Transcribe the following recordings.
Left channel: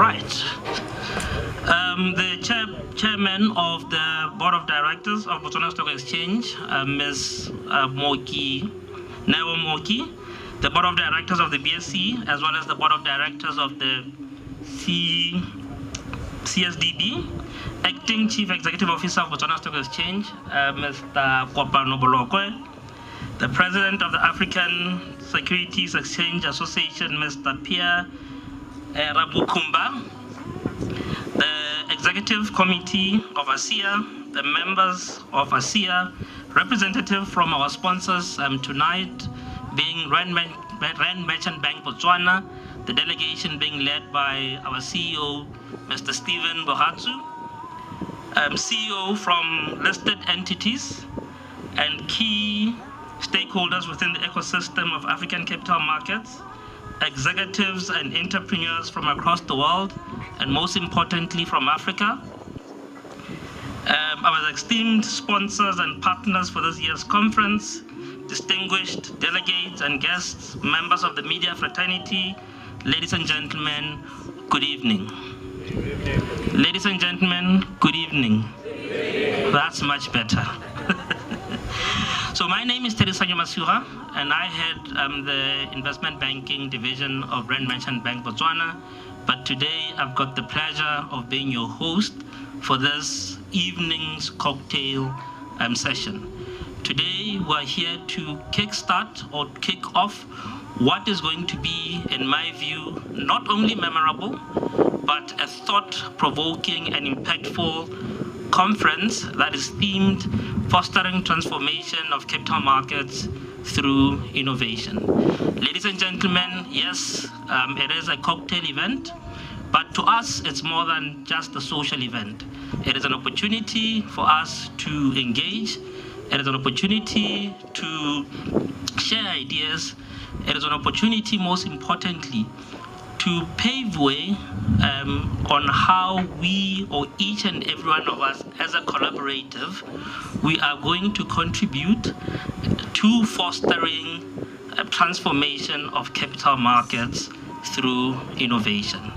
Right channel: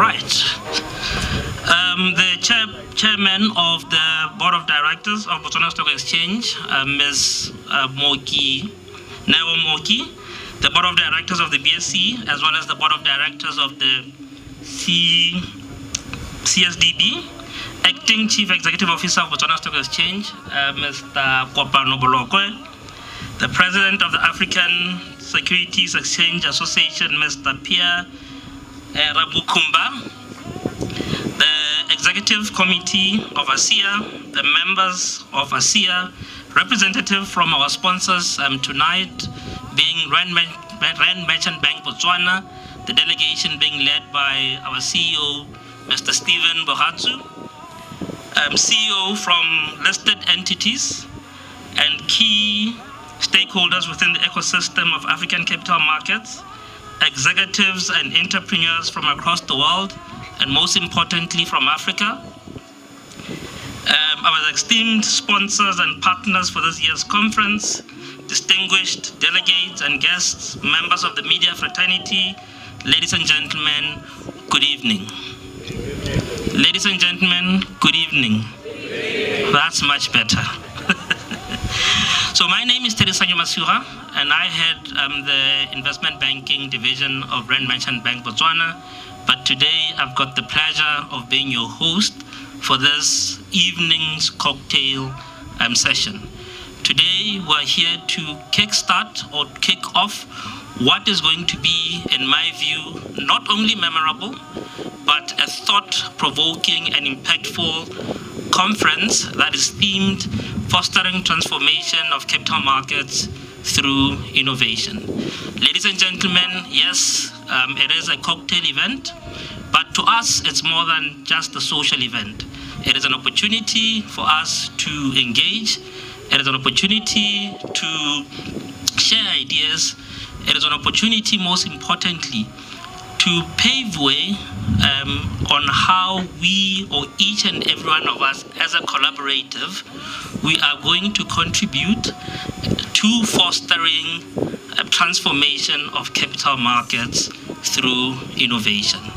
right. The chairman of the Board of Directors of Botswana Stock Exchange, Ms. Neo Moki, the Board of Directors of the BSC, as well as the Board of Directors of the CSDB, Acting Chief Executive Officer of Botswana Stock Exchange, Mr. Kopano Bolokwe, the President of the African Securities Exchange Association, Mr. Pierre Rabukumba, the Executive Committee of Asea, the members of Asea, representative from our sponsors tonight, being Rand Merchant Bank Botswana, the delegation being led by our CEO, Mr. Stephen Bohatsu, CEO from listed entities and key stakeholders within the ecosystem of African capital markets, executives and entrepreneurs from across the world, and most importantly from Africa. Our esteemed sponsors and partners for this year's conference, distinguished delegates and guests, members of the media fraternity, ladies and gentlemen, good evening. Ladies and gentlemen, good evening. That's much better. So my name is Terisanyo Masura, and I head the investment banking division of Rand Merchant Bank Botswana. But today I've got the pleasure of being your host for this evening's cocktail session. Today we're here to kickstart or kick off what is going to be, in my view, not only memorable, but a thought-provoking and impactful conference that is themed Fostering Transformation of Capital Markets through Innovation. Ladies and gentlemen, yes, it is a cocktail event, but to us, it's more than just a social event. It is an opportunity for us to engage. It is an opportunity to share ideas. It is an opportunity, most importantly, to pave way on how we, or each and every one of us as a collaborative, we are going to contribute to fostering a transformation of capital markets through innovation.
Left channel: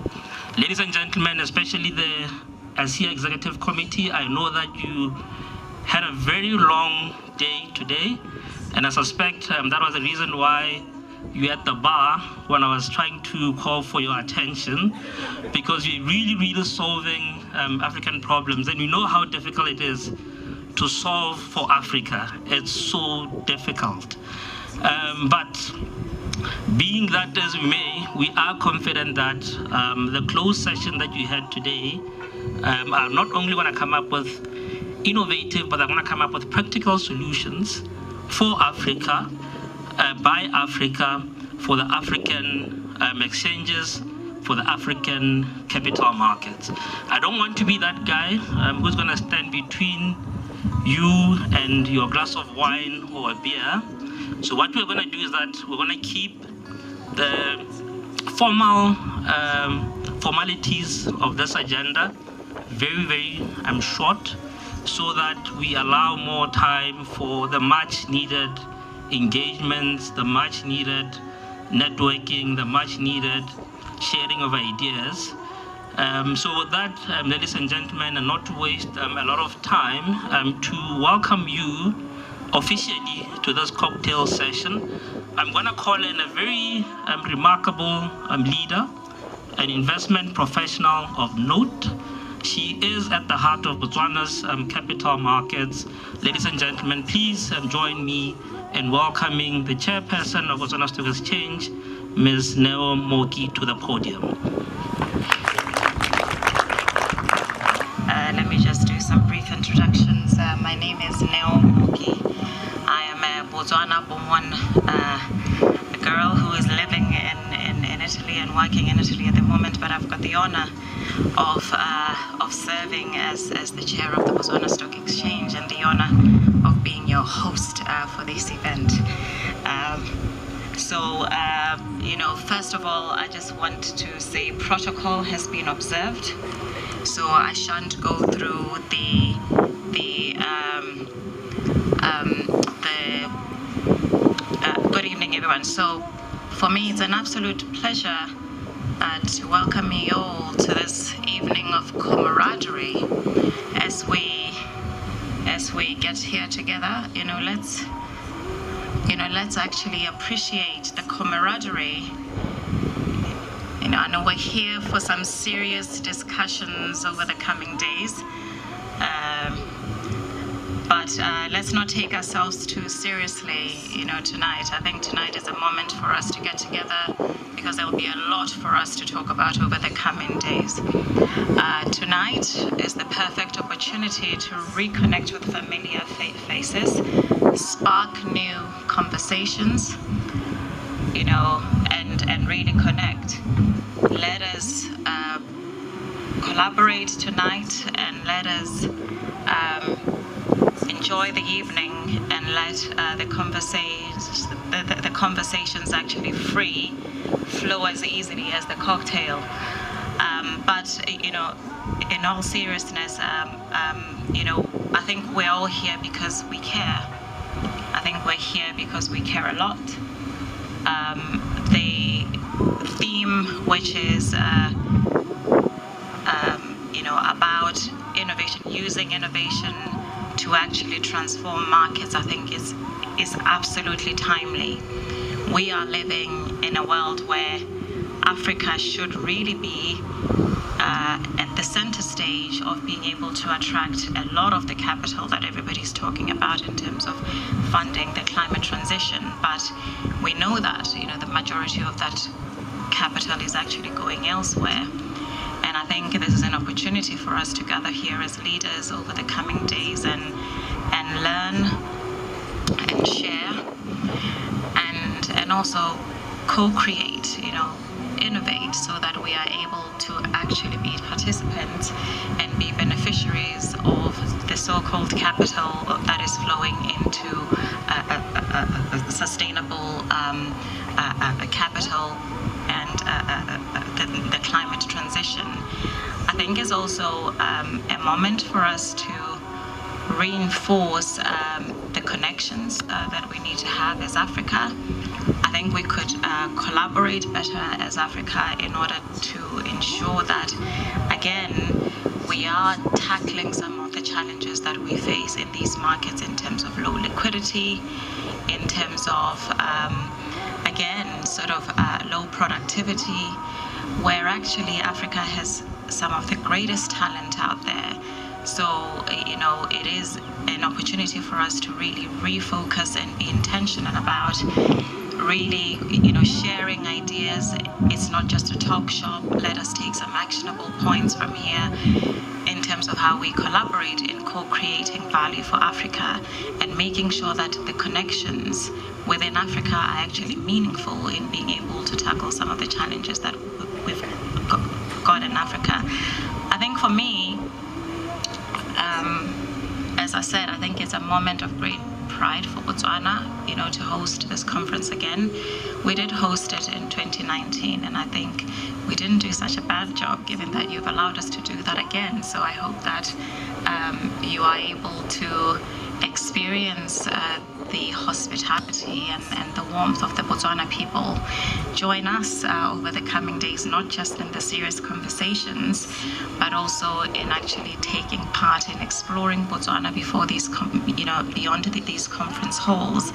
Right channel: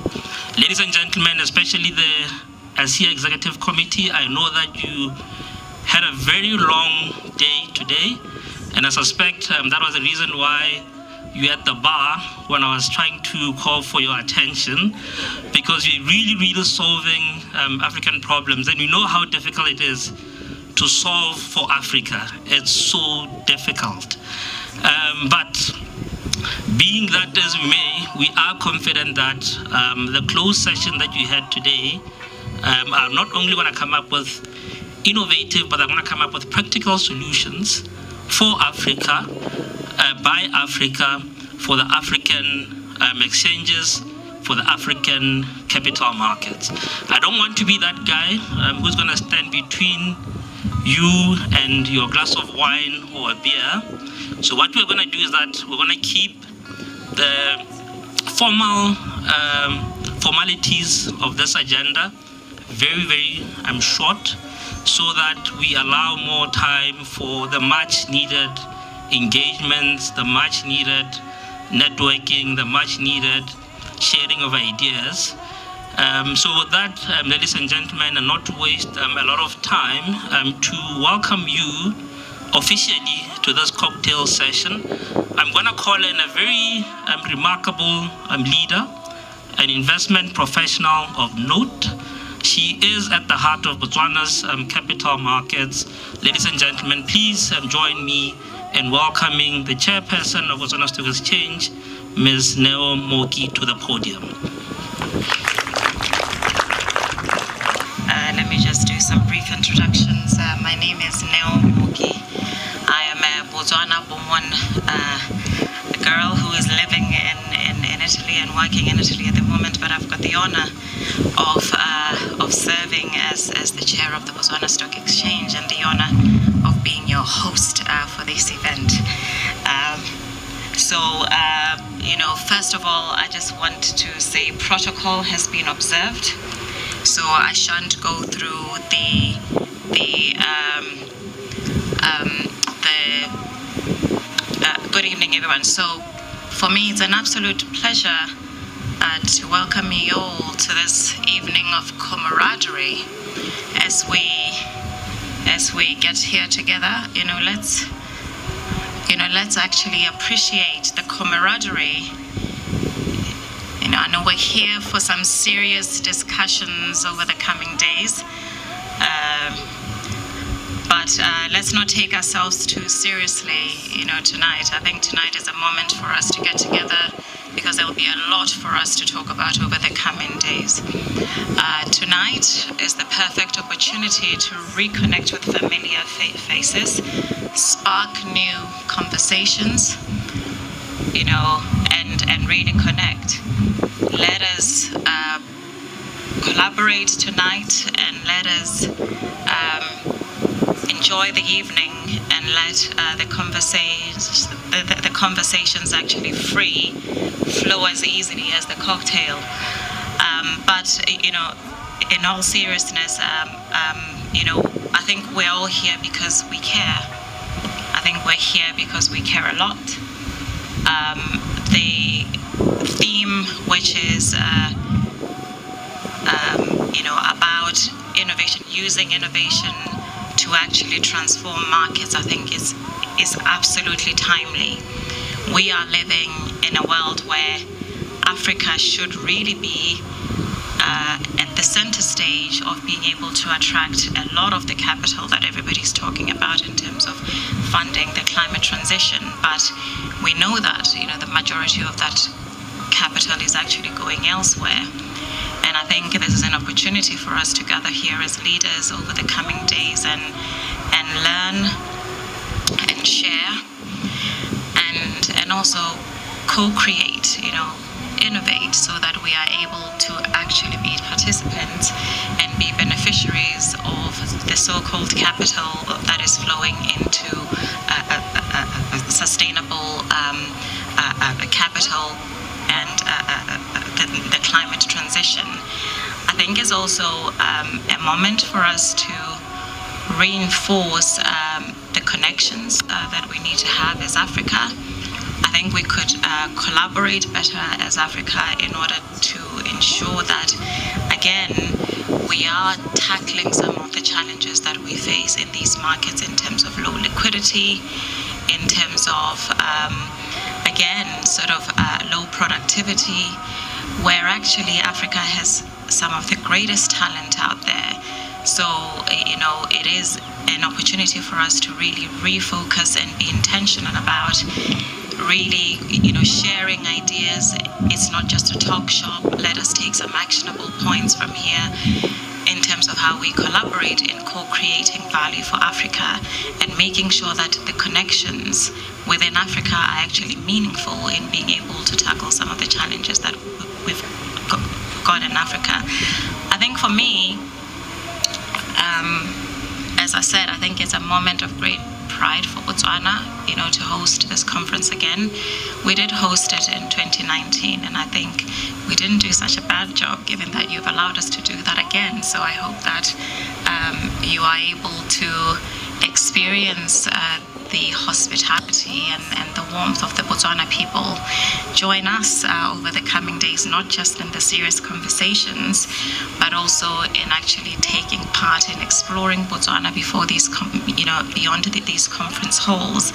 Ladies and gentlemen, especially the Asea Executive Committee, I know that you had a very long day today, and I suspect that was the reason why you at the bar when I was trying to call for your attention, because we're really solving African problems, and you know how difficult it is to solve for Africa. It's so difficult. But being that as we may, we are confident that the closed session that you had today are not only going to come up with innovative, but they're going to come up with practical solutions for Africa, by Africa, for the African exchanges, for the African capital markets. I don't want to be that guy who's going to stand between you and your glass of wine or a beer. So what we're going to do is that we're going to keep the formalities of this agenda very short, so that we allow more time for the much needed engagements, the much needed networking, the much needed sharing of ideas. So with that, ladies and gentlemen, and not to waste a lot of time, to welcome you officially to this cocktail session, I'm going to call in a very remarkable leader, an investment professional of note. She is at the heart of Botswana's capital markets. Ladies and gentlemen, please join me in welcoming the chairperson of Botswana Stock Exchange, Ms. Neo Moki, to the podium. Let me just do some brief introductions. My name is Neo Moki. I am a Botswana-born girl who is living in Italy and working in Italy at the moment, but I've got the honor of serving as the chair of the Botswana Stock Exchange, and the honor of being your host for this event. First of all, I just want to say protocol has been observed, so I shan't go through good evening, everyone. So for me, it's an absolute pleasure to welcome you all to this evening of camaraderie as we get here together. Let's actually appreciate the camaraderie. I know we're here for some serious discussions over the coming days, but let's not take ourselves too seriously, tonight. I think tonight is a moment for us to get together because there will be a lot for us to talk about over the coming days. Tonight is the perfect opportunity to reconnect with familiar faces, spark new conversations, and really connect. Let us collaborate tonight and let us enjoy the evening and let the conversations actually flow as easily as the cocktail. But in all seriousness, I think we're all here because we care. I think we're here because we care a lot. The theme, which is about innovation, using innovation to actually transform markets, I think is absolutely timely. We are living in a world where Africa should really be at the center stage of being able to attract a lot of the capital that everybody's talking about in terms of funding the climate transition. But we know that the majority of that capital is actually going elsewhere. And I think this is an opportunity for us to gather here as leaders over the coming days and learn and share and also co-create, innovate, so that we are able to actually be participants and be beneficiaries of the so-called capital that is flowing into a sustainable capital and the climate transition. I think is also a moment for us to reinforce the connections that we need to have as Africa. I think we could collaborate better as Africa in order to ensure that, again, we are tackling some of the challenges that we face in these markets in terms of low liquidity, in terms of, low productivity, where actually Africa has some of the greatest talent out there. So, it is an opportunity for us to really refocus and be intentional about really, sharing ideas. It's not just a talk shop. Let us take some actionable points from here in terms of how we collaborate in co-creating value for Africa and making sure that the connections within Africa are actually meaningful in being able to tackle some of the challenges that we've got in Africa. I think for me, as I said, I think it's a moment of great pride for Botswana, to host this conference again. We did host it in 2019, and I think we didn't do such a bad job, given that you've allowed us to do that again. So I hope that you are able to experience the hospitality and the warmth of the Botswana people. Join us over the coming days, not just in the serious conversations, but also in actually taking part in exploring Botswana before these, beyond these conference halls.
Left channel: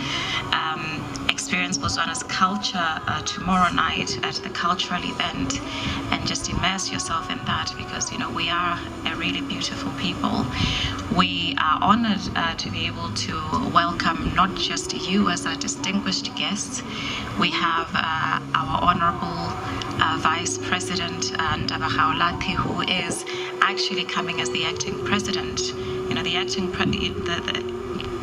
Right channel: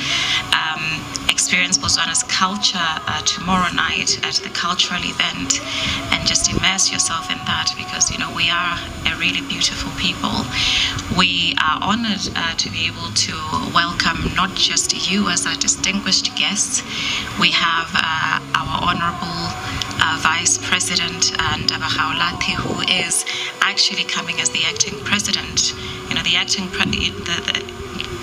Experience Botswana's culture tomorrow night at the cultural event, and just immerse yourself in that, because we are a really beautiful people. We are honored to be able to welcome not just you as our distinguished guests. We have our honorable Vice President Ndaba Gaolati, who is actually coming as the acting president.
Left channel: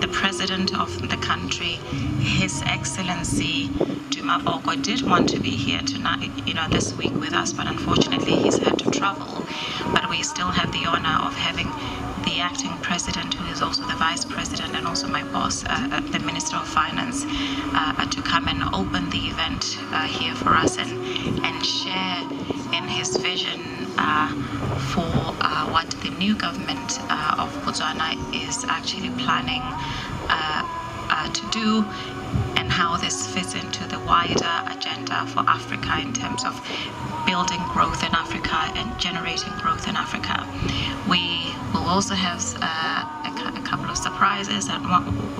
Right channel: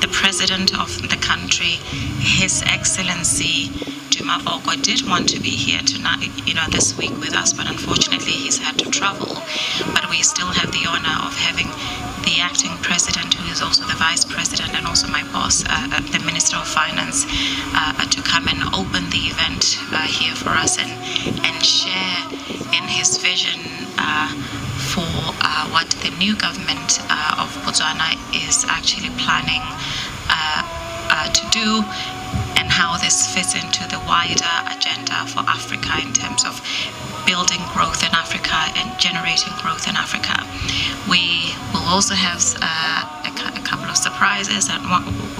The president of the country, His Excellency Duma Boko, did want to be here tonight, this week with us, but unfortunately he's had to travel. But we still have the honor of having the acting president, who is also the vice president, and also my boss, the Minister of Finance, to come and open the event here for us and share in his vision for what the new government of Botswana is actually planning to do, and how this fits into the wider agenda for Africa in terms of building growth in Africa and generating growth in Africa. We will also have a couple of surprises, and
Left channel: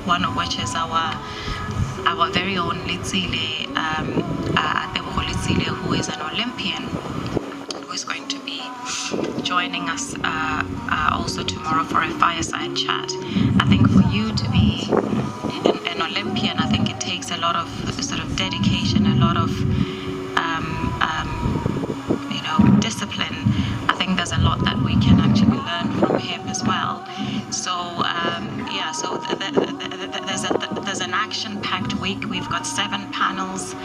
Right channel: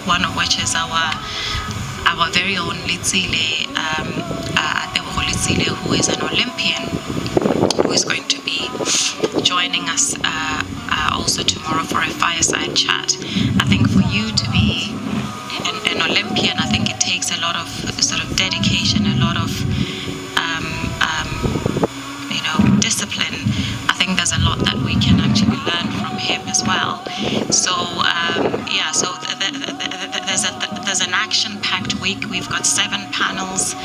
one of which is our very own Litsile, who is an Olympian, who is going to be joining us also tomorrow for a fireside chat. I think for you to be an Olympian, I think it takes a lot of sort of dedication, a lot of discipline. I think there's a lot that we can actually learn from him as well. So there's an action-packed week. We've got 7 panels.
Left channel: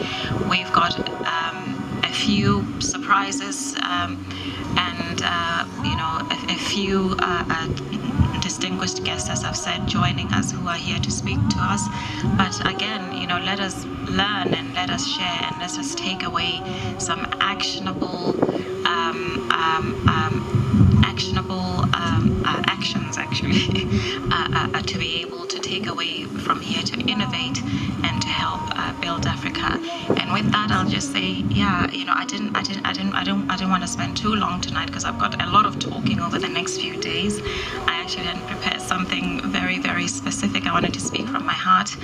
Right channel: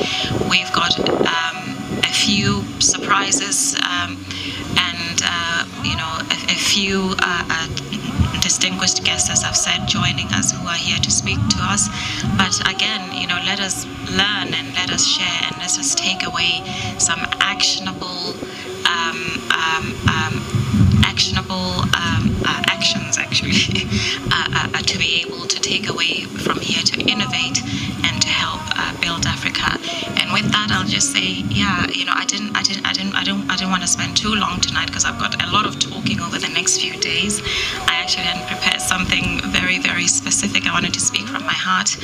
We've got a few surprises and a few distinguished guests, as I've said, joining us, who are here to speak to us. But again, let us learn and let us share and let us take away some actionable actions, actually, to be able to take away from here to innovate and to help build Africa. And with that, I'll just say, I don't want to spend too long tonight because I've got a lot of talking over the next few days. I actually hadn't prepared something very, very specific. I wanted to speak from my heart.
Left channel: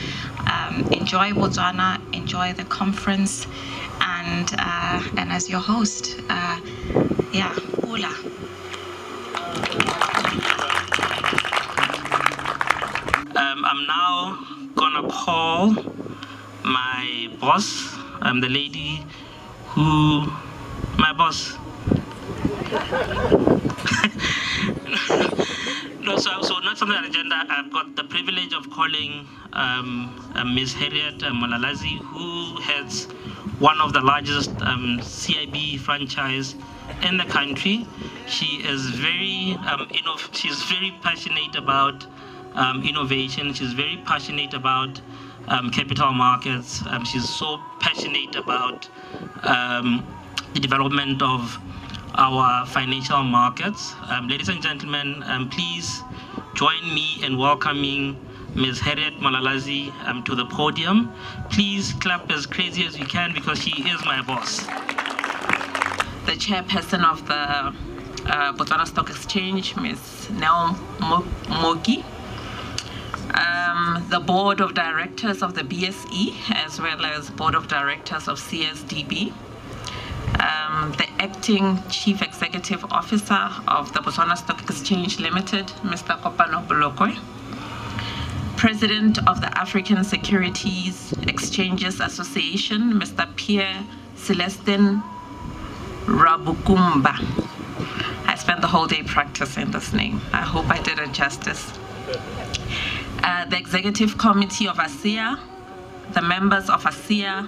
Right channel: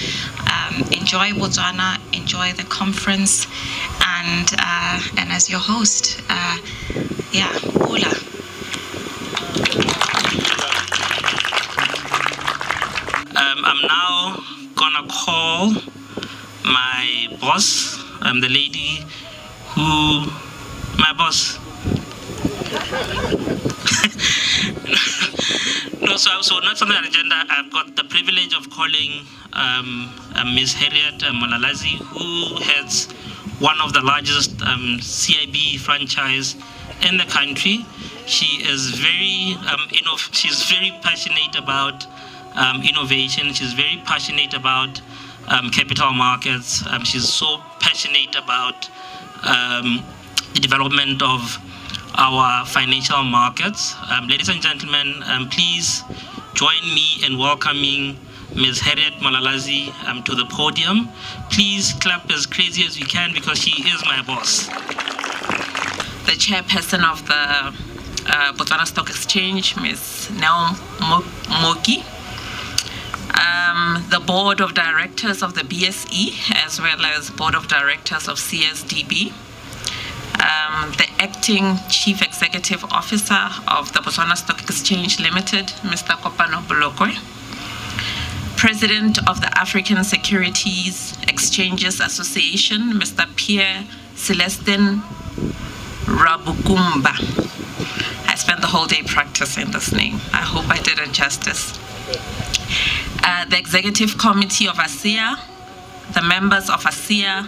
Enjoy Botswana, enjoy the conference, and as your host, Ula. I'm now gonna call my boss, the lady who, my boss. No, so not something on the agenda. I've got the privilege of calling Ms. Harriet Malalazi, who heads one of the largest CIB franchise in the country. She is she's very passionate about innovation. She's very passionate about capital markets. She's so passionate about the development of our financial markets. Ladies and gentlemen, please join me in welcoming Ms. Harriet Malalazi to the podium. Please clap as crazy as you can because she is my boss. The chairperson of the Botswana Stock Exchange, Ms. Nell Moki. The board of directors of the BSE, as well as board of directors of CSDB. The acting chief executive officer of the Botswana Stock Exchange Limited, Mr. Kopano Bolokwe. President of the African Securities Exchanges Association, Mr. Pierre Celestin Rabukumba. I spent the whole day practicing this name. I hope I did it justice. The executive committee of Asea, the members of Asea,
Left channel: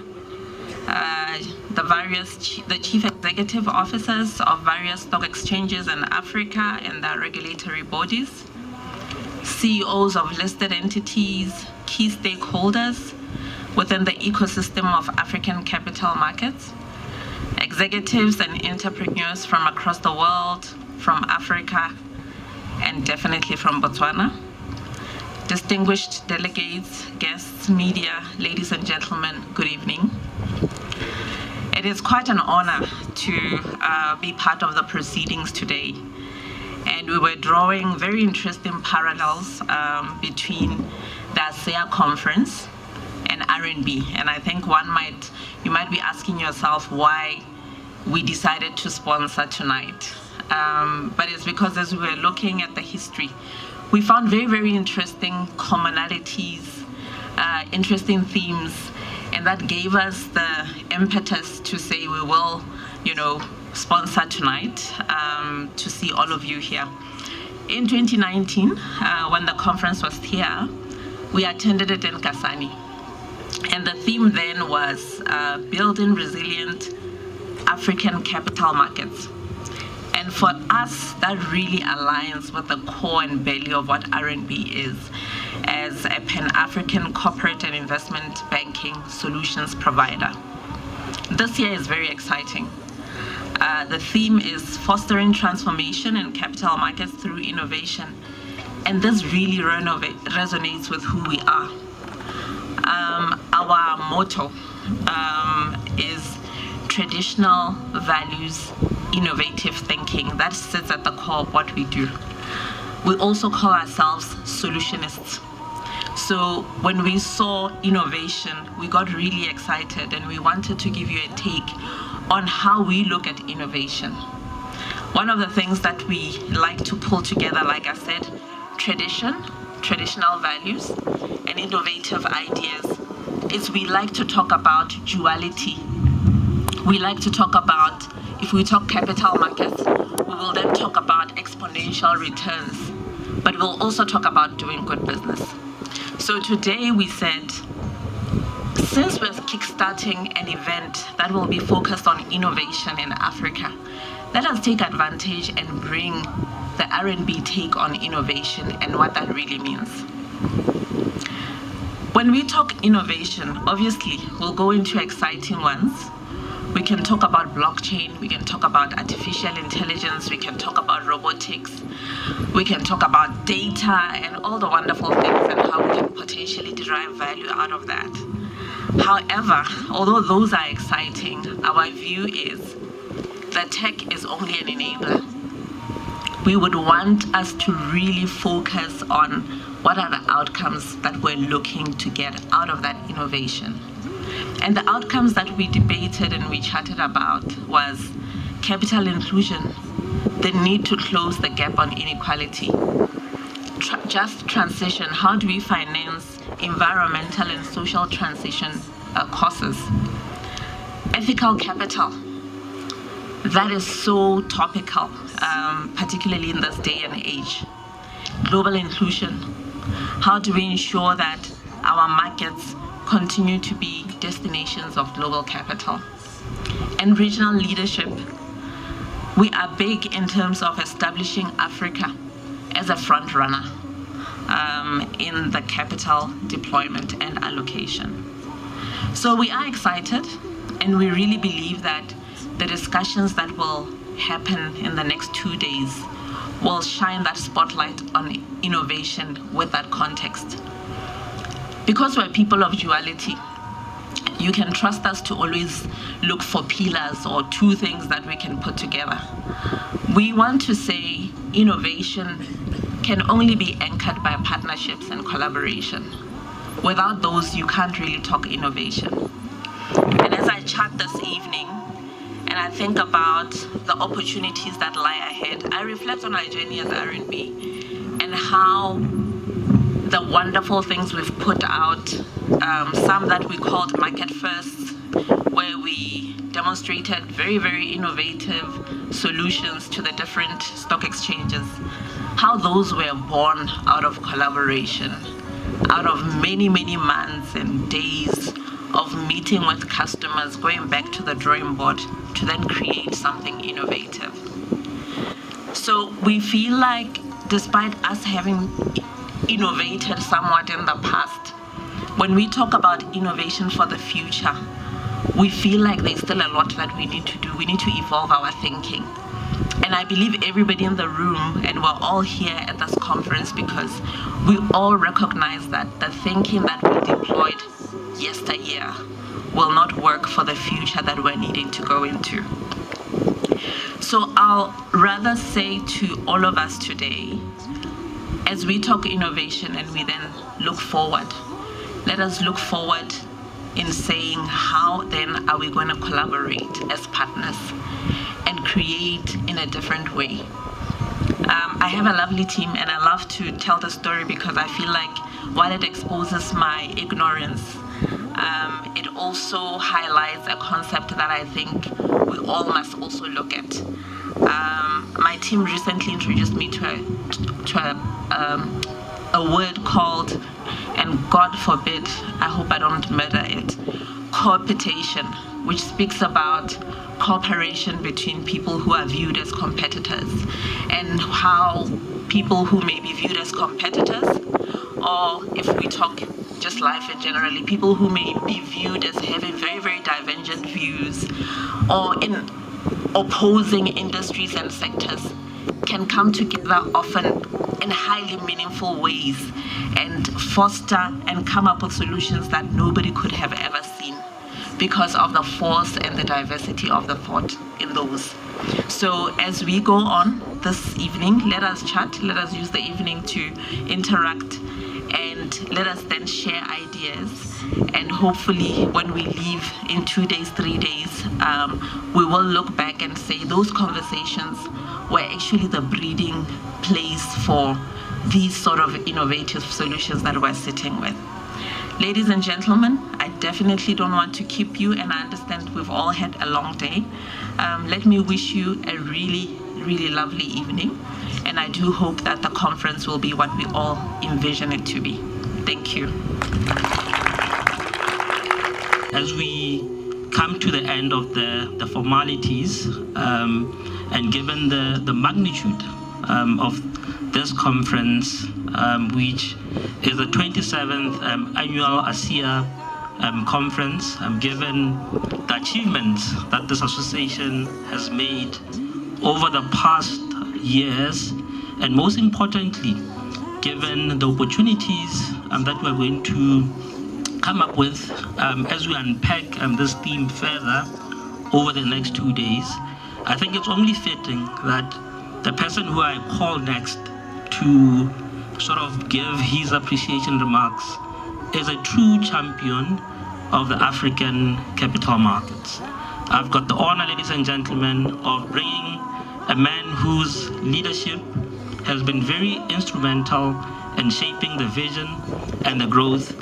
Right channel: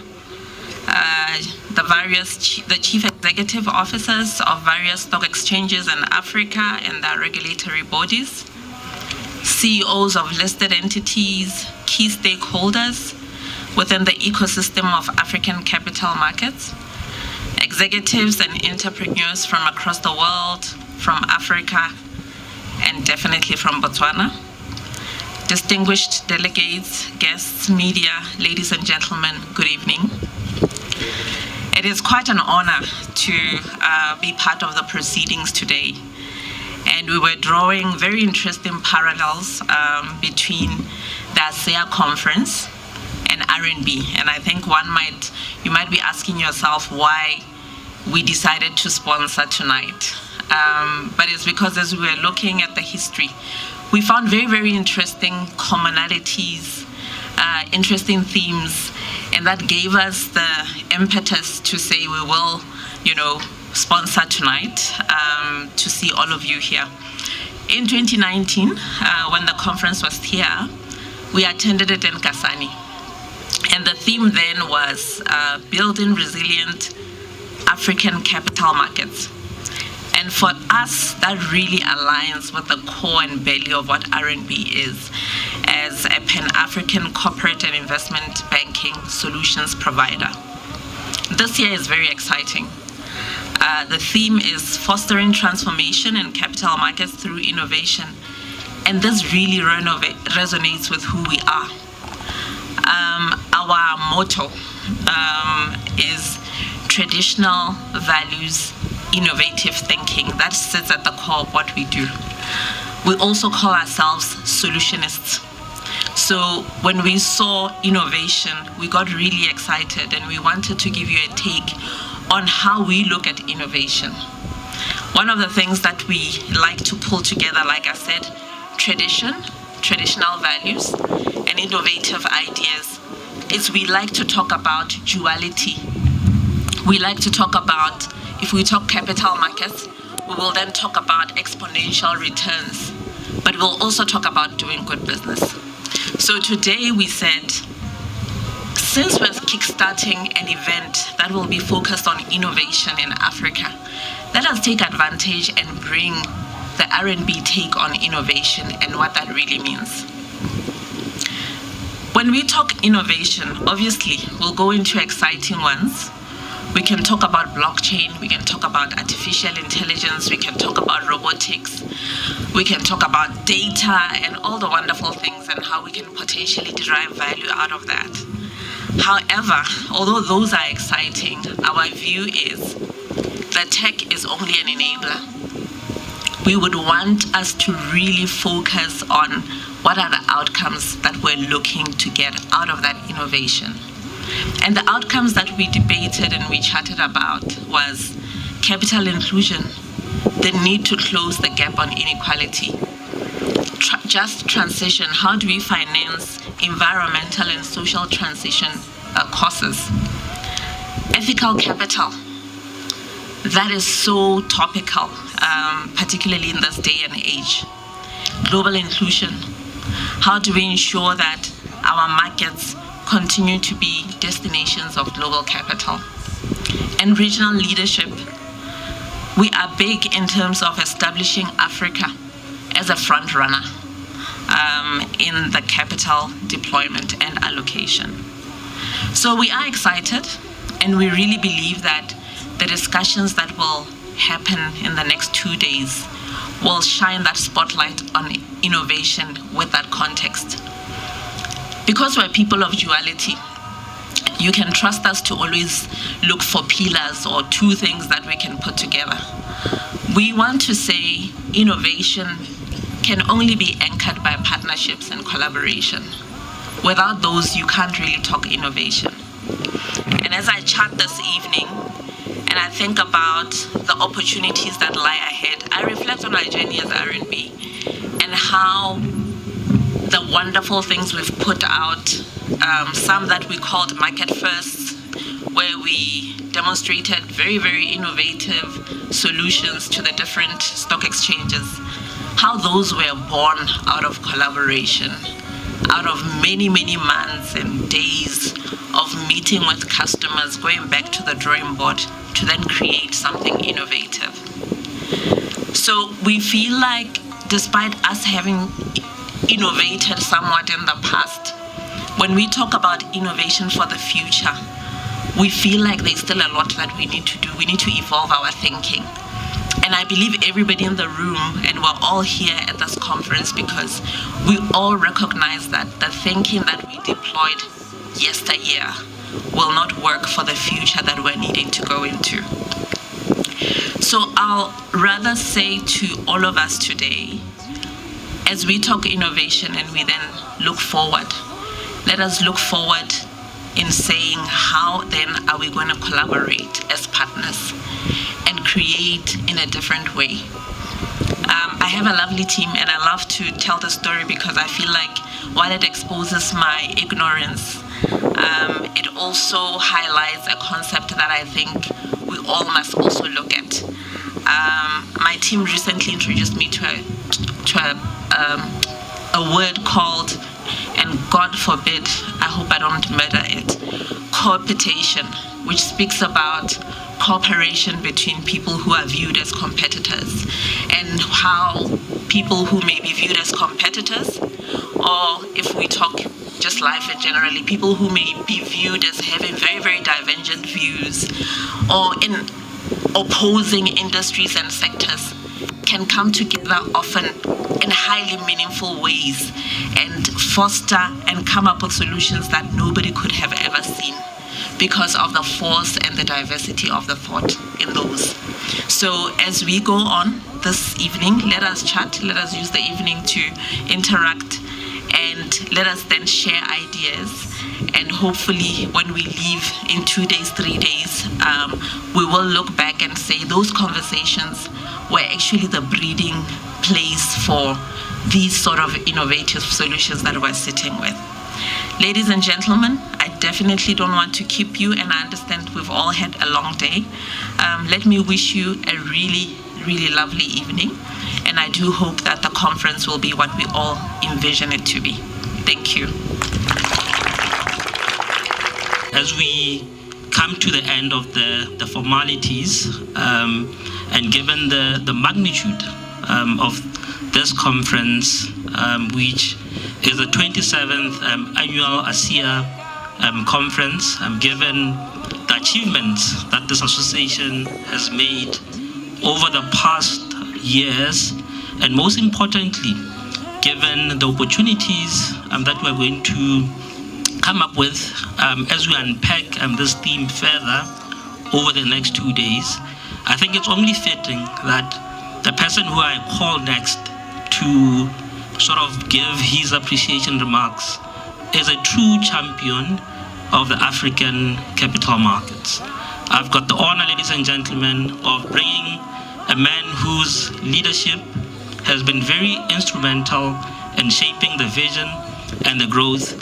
the chief executive officers of various stock exchanges in Africa and their regulatory bodies, CEOs of listed entities, key stakeholders within the ecosystem of African capital markets, executives and entrepreneurs from across the world, from Africa, and definitely from Botswana. Distinguished delegates, guests, media, ladies and gentlemen, good evening. It is quite an honor to be part of the proceedings today. And we were drawing very interesting parallels between the Asea conference and R&B. And I think you might be asking yourself why we decided to sponsor tonight. But it's because as we were looking at the history, we found very, very interesting commonalities, interesting themes, and that gave us the impetus to say we will, sponsor tonight to see all of you here. In 2019, when the conference was here, we attended it in Kasani. And the theme then was building resilient African capital markets. And for us, that really aligns with the core and belly of what R&B is as a Pan-African corporate and investment banking solutions provider. This year is very exciting. The theme is fostering transformation in capital markets through innovation. And this really resonates with who we are. our motto is traditional values, innovative thinking. That sits at the core of what we do. We also call ourselves solutionists. So when we saw innovation, we got really excited and we wanted to give you a take on how we look at innovation. One of the things that we like to pull together, like I said, traditional values, and innovative ideas, is we like to talk about duality. We like to talk about, if we talk capital markets, we will then talk about exponential returns, but we'll also talk about doing good business. So today we said, since we're kickstarting an event that will be focused on innovation in Africa, let us take advantage and bring the R&B take on innovation and what that really means. When we talk innovation, obviously, we'll go into exciting ones. We can talk about blockchain, we can talk about artificial intelligence, we can talk about robotics, we can talk about data and all the wonderful things and how we can potentially derive value out of that. However, although those are exciting, our view is that tech is only an enabler. We would want us to really focus on what are the outcomes that we're looking to get out of that innovation. And the outcomes that we debated and we chatted about was capital inclusion, the need to close the gap on inequality, just transition, how do we finance environmental and social transition causes, ethical capital, that is so topical, particularly in this day and age, global inclusion, how do we ensure that our markets continue to be destinations of global capital, and regional leadership. We are big in terms of establishing Africa as a front runner in the capital deployment and allocation. So we are excited, and we really believe that the discussions that will happen in the next 2 days will shine that spotlight on innovation with that context. Because we're people of duality, you can trust us to always look for pillars or two things that we can put together. We want to say innovation can only be anchored by partnerships and collaboration. Without those, you can't really talk innovation. And as I chat this evening, and I think about the opportunities that lie ahead, I reflect on our journey as R&B and how the wonderful things we've put out, some that we called market firsts, where we demonstrated very, very innovative solutions to the different stock exchanges, how those were born out of collaboration, out of many, many months and days of meeting with customers, going back to the drawing board to then create something innovative. So we feel like despite us having innovated somewhat in the past, when we talk about innovation for the future, we feel like there's still a lot that we need to do. We need to evolve our thinking. And I believe everybody in the room, and we're all here at this conference because we all recognize that the thinking that we deployed yesteryear will not work for the future that we're needing to go into. So I'll rather say to all of us today, as we talk innovation and we then look forward, let us look forward in saying how then are we going to collaborate as partners and create in a different way. I have a lovely team and I love to tell the story because I feel like while it exposes my ignorance, it also highlights a concept that I think we all must also look at. My team recently introduced me to a word called, and God forbid, I hope I don't murder it, coopetition, which speaks about cooperation between people who are viewed as competitors, and how people who may be viewed as competitors, or if we talk just life in generally, people who may be viewed as having very, very divergent views, or in opposing industries and sectors, can come together often in highly meaningful ways and foster and come up with solutions that nobody could have ever seen because of the force and the diversity of the thought in those. So as we go on this evening, let us chat, let us use the evening to interact, and let us then share ideas. And hopefully when we leave in 2 days, 3 days, we will look back and say those conversations were actually the breeding place for these sort of innovative solutions that we're sitting with. Ladies and gentlemen, I definitely don't want to keep you, and I understand we've all had a long day. Let me wish you a really, really lovely evening, and I do hope that the conference will be what we all envision it to be. Thank you. As we come to the end of the formalities, and given the magnitude of this conference, which is the 27th annual Asea conference, given the achievements that this association has made over the past years, and most importantly, given the opportunities that we're going to come up with as we unpack this theme further over the next 2 days, I think it's only fitting that the person who I call next to sort of give his appreciation remarks is a true champion of the African capital markets. I've got the honor, ladies and gentlemen, of bringing a man whose leadership has been very instrumental in shaping the vision and the growth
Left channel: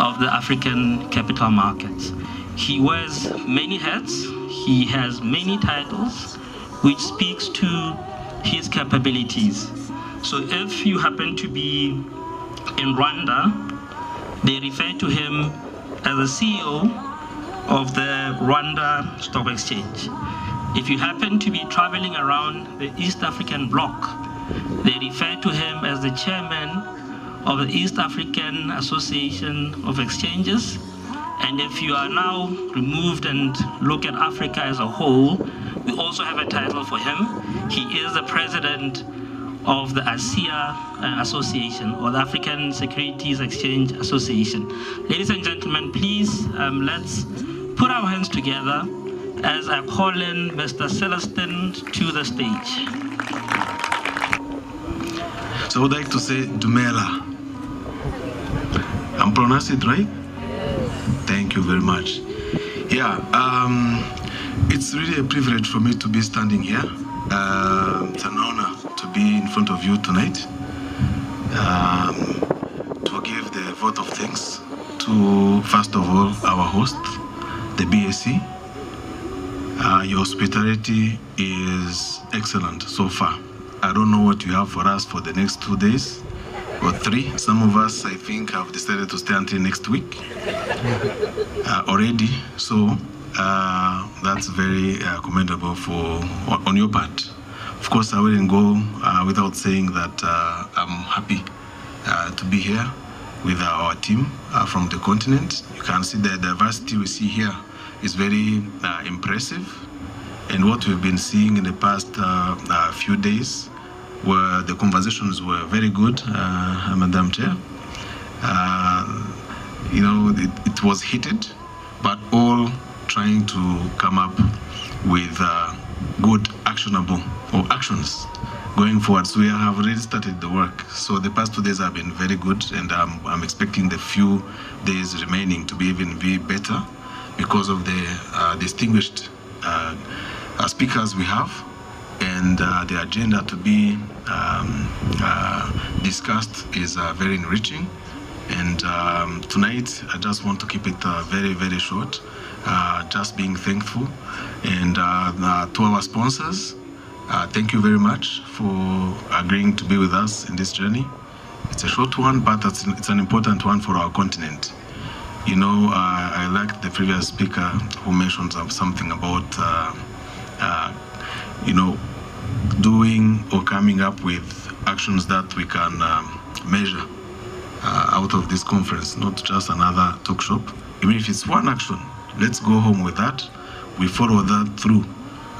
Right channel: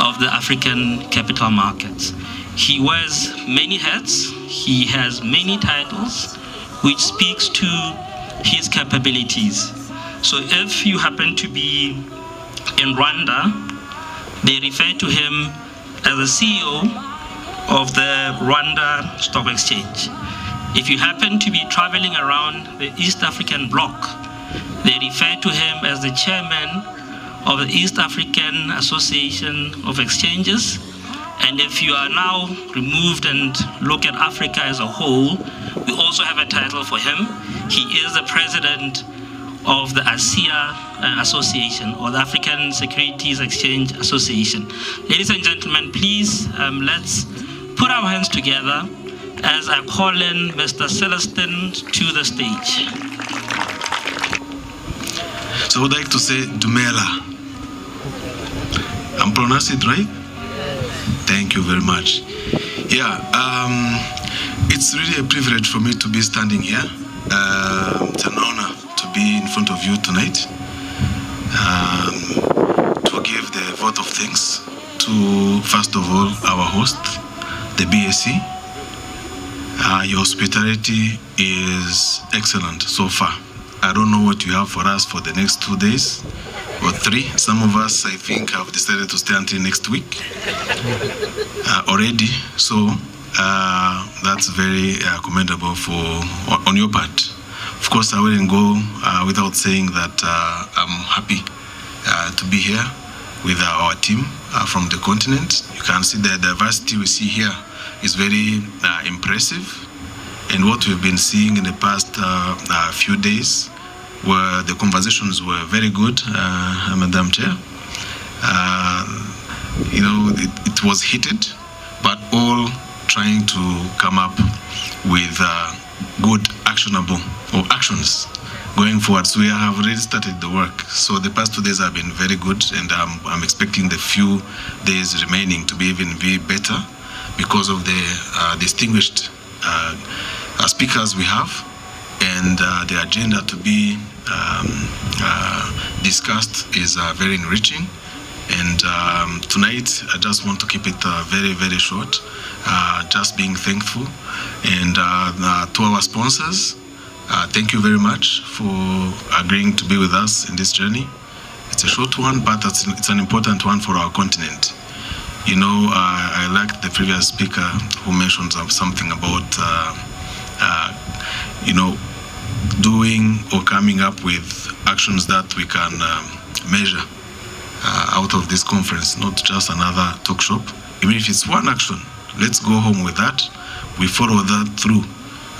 of the African capital markets. He wears many hats, he has many titles, which speaks to his capabilities. So if you happen to be in Rwanda, they refer to him as the CEO of the Rwanda Stock Exchange. If you happen to be traveling around the East African bloc, they refer to him as the chairman of the East African Association of Exchanges. And if you are now removed and look at Africa as a whole, we also have a title for him. He is the president of the Asea Association, or the African Securities Exchange Association. Ladies and gentlemen, please let's put our hands together as I call in Mr. Celestin to the stage. So I would like to say Dumela. I'm pronouncing it right? Thank you very much. Yeah, it's really a privilege for me to be standing here. It's an honor to be in front of you tonight, to give the vote of thanks to, first of all, our host, the BSC. Your hospitality is excellent so far. I don't know what you have for us for the next 2 days or 3. Some of us, I think, have decided to stay until next week already. So that's very commendable on your part. Of course, I wouldn't go without saying that I'm happy to be here with our team from the continent. You can see the diversity we see here is very impressive. And what we've been seeing in the past few days, where the conversations were very good, Madam Chair. It was heated, but all trying to come up with good actionable or actions going forward. So we have already started the work. So the past 2 days have been very good, and I'm expecting the few days remaining to be even better because of the distinguished speakers we have, and the agenda to be discussed is very enriching. And tonight, I just want to keep it very, very short, just being thankful. And to our sponsors, thank you very much for agreeing to be with us in this journey. It's a short one, but it's an important one for our continent. I liked the previous speaker who mentioned something about doing or coming up with actions that we can measure out of this conference, not just another talk shop. Even if it's one action, let's go home with that. We follow that through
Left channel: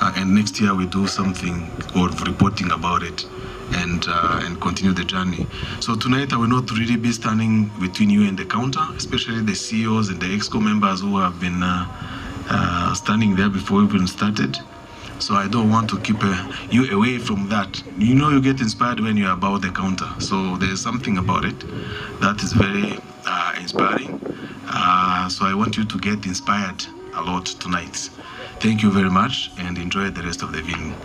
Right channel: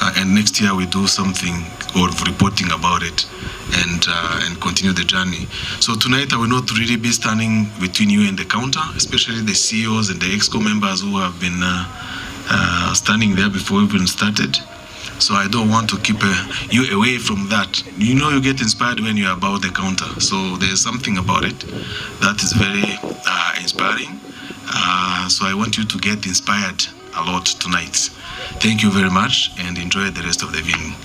and next year we do something or reporting about it and continue the journey. So tonight I will not really be standing between you and the counter, especially the CEOs and the EXCO members who have been standing there before we even started. So I don't want to keep you away from that. You know, you get inspired when you're about the counter. So there's something about it that is very inspiring. So I want you to get inspired a lot tonight. Thank you very much and enjoy the rest of the evening.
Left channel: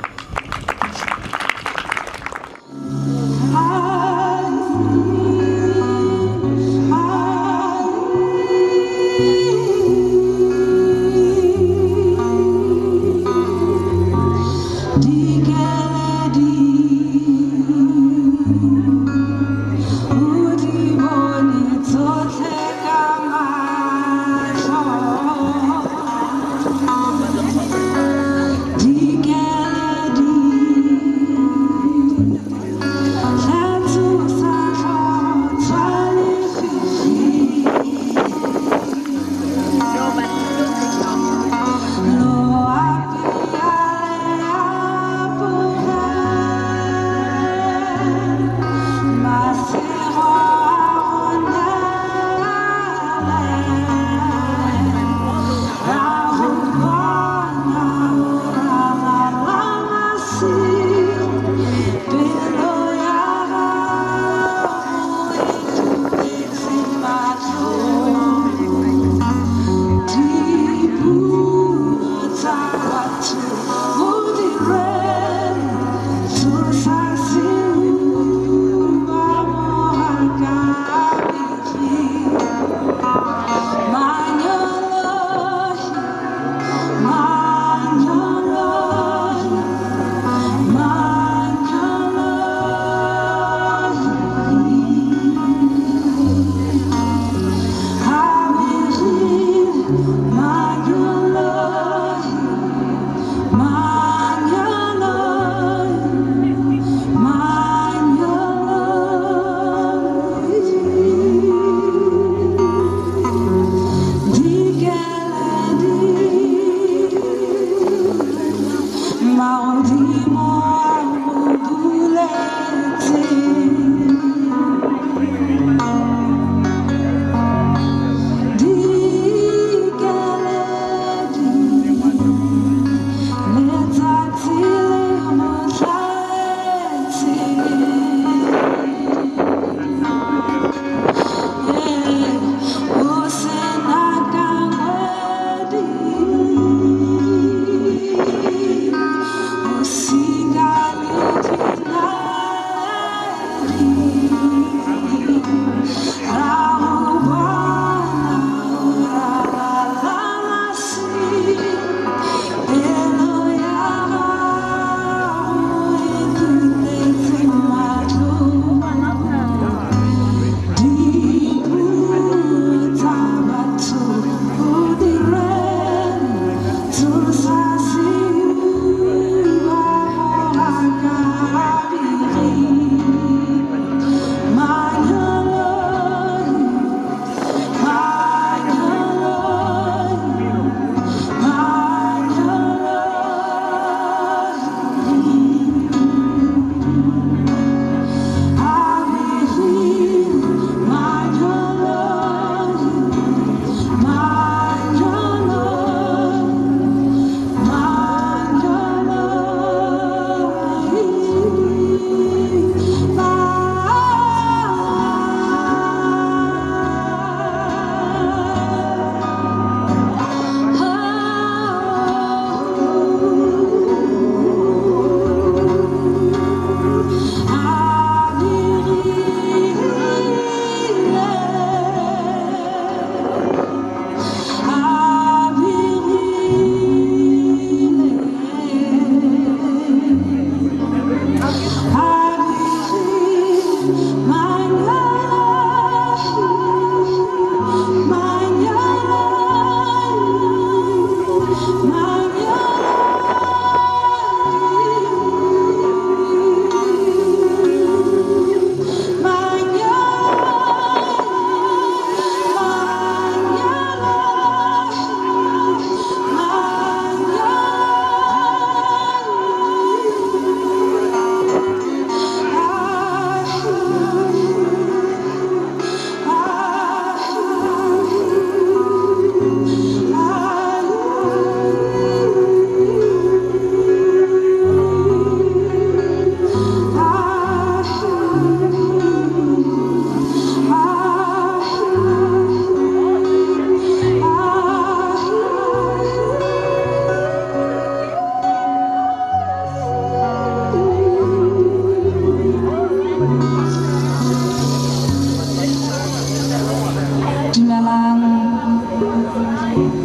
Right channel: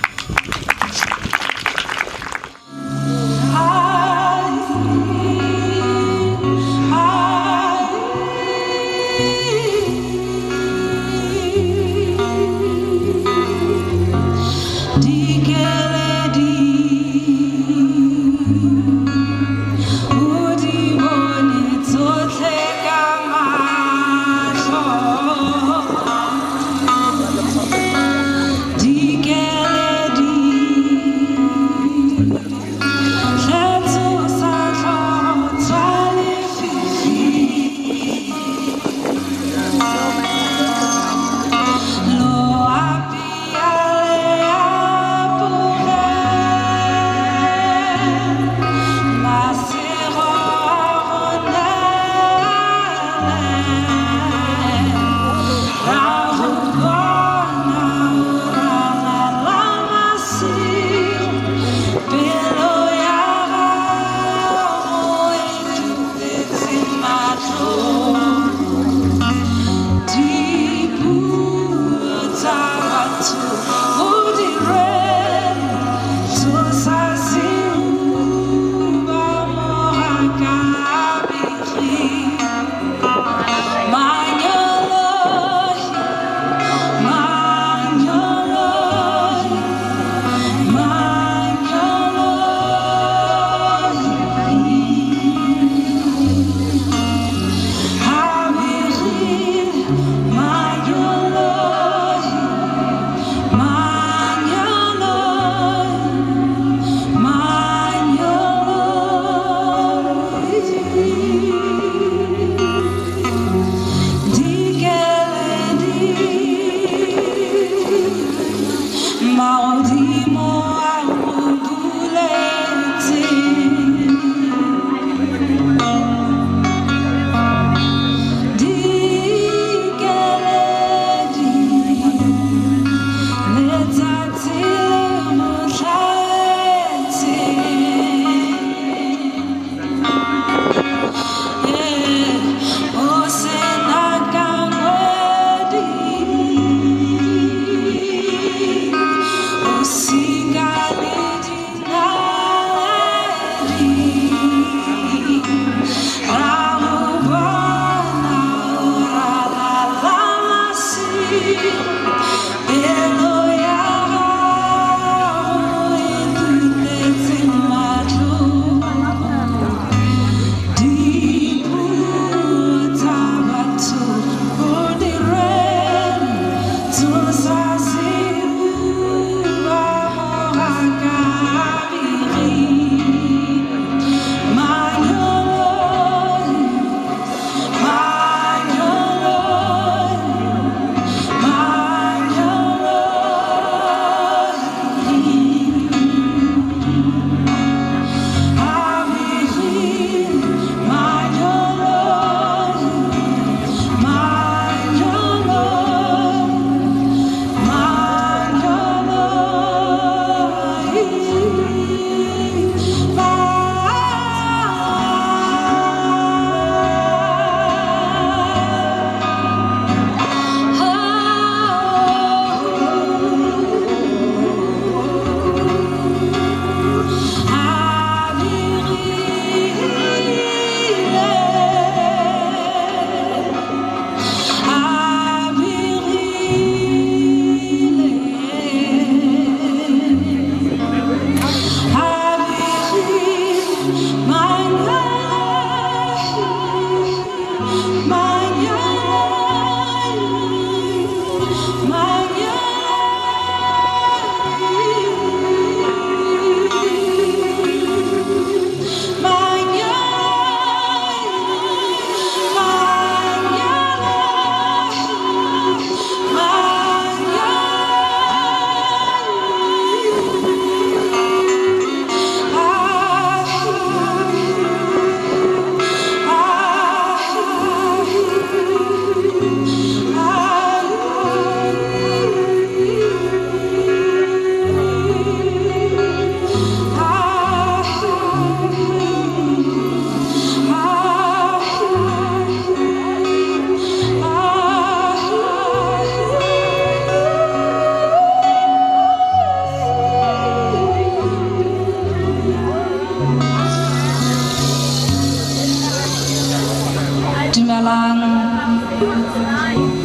Dumelang.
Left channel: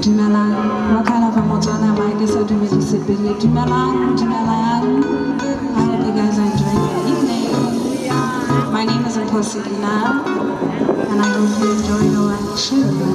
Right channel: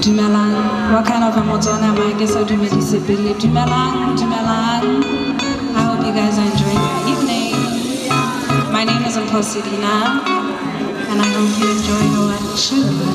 Dumelang. What kind of a Motswana am I? I guess I'll do Dumelang. Dumelang. I hope you guys are enjoying your evening. My name is Mposidina, and I hope you enjoy your show.